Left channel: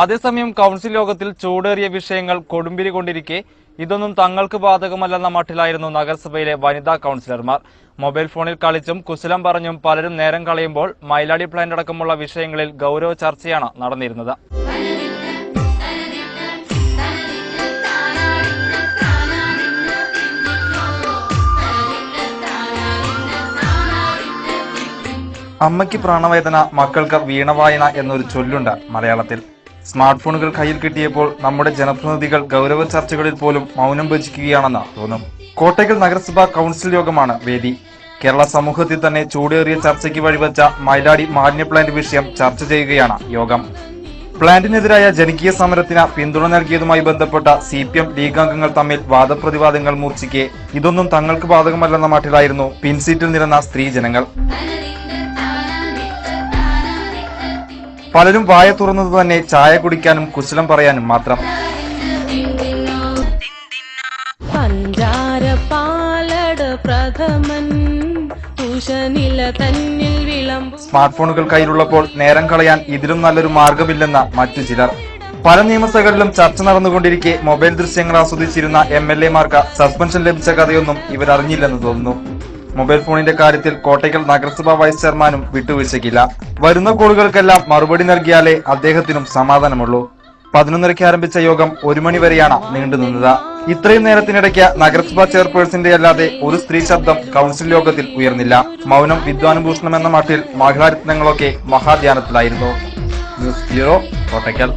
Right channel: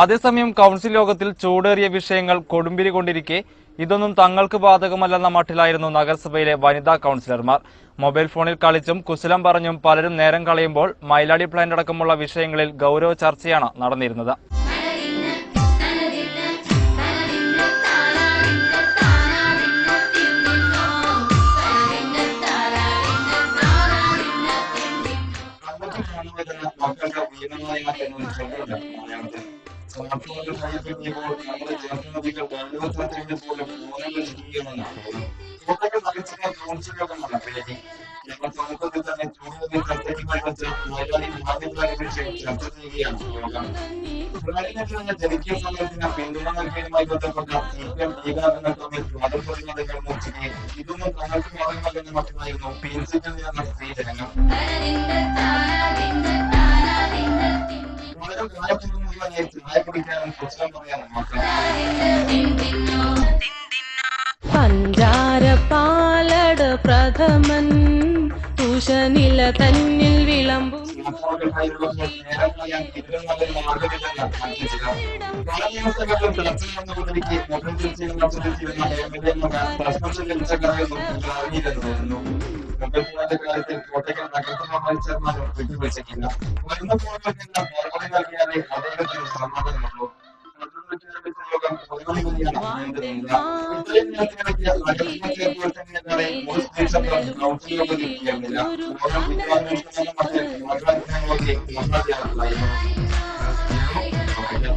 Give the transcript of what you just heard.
അതേസമയം കൗൺസിൽ യോഗത്തിൽ ചൂടേറിയ വിഷയങ്ങൾ കൊടുമ്പിരി കൊണ്ടിരിക്കെ ഇതൊന്നും തങ്ങൾക്ക് ബാധകമല്ലെന്ന മട്ടിലായിരുന്നു നഗരസഭയിലെ വനിതാ കൗൺസിലർമാർ. മൊബൈൽ ഫോണിൽ കളിച്ചും കുശലം പറഞ്ഞും പലരും നേരം കളയുമ്പോൾ മൈലാടി പ്ലാന്റ് അടക്കമുള്ള വിഷയങ്ങളിൽ ഗൗരവ ചർച്ചയാണ് നടന്നിരുന്നത്. അമ്മയ്ക്ക് പ്രാണവേദന, മക്കൾക്ക് വീണവായന എന്നൊരു ചൊല്ലുണ്ട് മലയാളത്തിൽ. സ്മാർട്ട് ഫോണുകൾ കയ്യിൽ കിട്ടിയപ്പോൾ നമ്മുടെ ജനപ്രതിനിധികൾ ഗൗരവ ചർച്ചകളിൽ പോലും മൗനം ഭജിക്കുകയാണെന്ന് തോന്നും. കോട്ടയ്ക്കൽ നഗരസഭാ കൗൺസിൽ യോഗമാണ് വേദി. കേരള സമൂഹത്തിൽ തന്നെ ചൂടേറിയ ചർച്ചയ്ക്ക് വഴിവെച്ച മൈലാടി മാലിന്യ പ്ലാന്റ് വിഷയം ചർച്ച ചെയ്യുകയാണ് യോഗം. പ്ലാന്റിനെതിരായ ജനകീയ സമരത്തിന് പിന്തുണ നൽകിയതുമായി ബന്ധപ്പെട്ട CPM ലീഗ് അംഗങ്ങൾ തമ്മിൽ വാദപ്രതിവാദങ്ങൾ മൂർച്ഛിക്കെ ഇതൊന്നും തങ്ങൾക്ക് ബാധകമല്ലെന്ന മട്ടിലായിരുന്നു പിൻസീറ്റിൽ നിരന്ന സ്ത്രീജനങ്ങൾ. പലരും വായ തുറന്നത് തന്നെ ചായ കുടിക്കാനും കുശലം പറയാനും മാത്രം. സ്മാർട്ട് ഫോണുകൾ കയ്യിലുള്ളപ്പോൾ നേരം കളയാൻ ഇതിലും നല്ലൊരു മാർഗമില്ലെന്ന മറ്റു ചിലർ. പല നിയമസഭകളിലും ചർച്ച നടന്നുകൊണ്ടിരിക്കെ മൊബൈൽ ദൃശ്യങ്ങൾ ആസ്വദിച്ചിരുന്ന MLA-മാർക്ക് സസ്പെൻഷൻ ലഭിച്ച കഥയൊന്നും ഇവരറിഞ്ഞില്ലെന്ന് തോന്നുന്നു. മൊബൈൽ ഫോണിന്റെ കാര്യത്തിൽ കോട്ടയ്ക്കൽ നഗരസഭാ വൈസ് ചെയർമാനും വിട്ടുവീഴ്ചയ്ക്കില്ല. വരുന്ന കോളുകൾക്കെല്ലാം മറുപടി നൽകിയാലേ അദ്ദേഹത്തിനും സമാധാനമുള്ളൂ. 11:30 ആരംഭിച്ച യോഗം 1 മണി വരെയാണ് നീണ്ടുനിന്നത്. ഇത്രയും നേരത്തിനിടയ്ക്ക് നഗരസഭാ ചെയർപേഴ്സന്റെ അല്ലാതെ ഒരു സ്ത്രീ ശബ്ദം കൗൺസിൽ യോഗത്തിൽ ഉയർന്നില്ല. മൗനം വിദ്വാനുഭൂഷണം എന്ന മട്ടിൽ മഹിളാരത്നങ്ങളൊക്കെ മഹാധ്യാനത്തിലായിരുന്നു. News bureau, Kottakkal.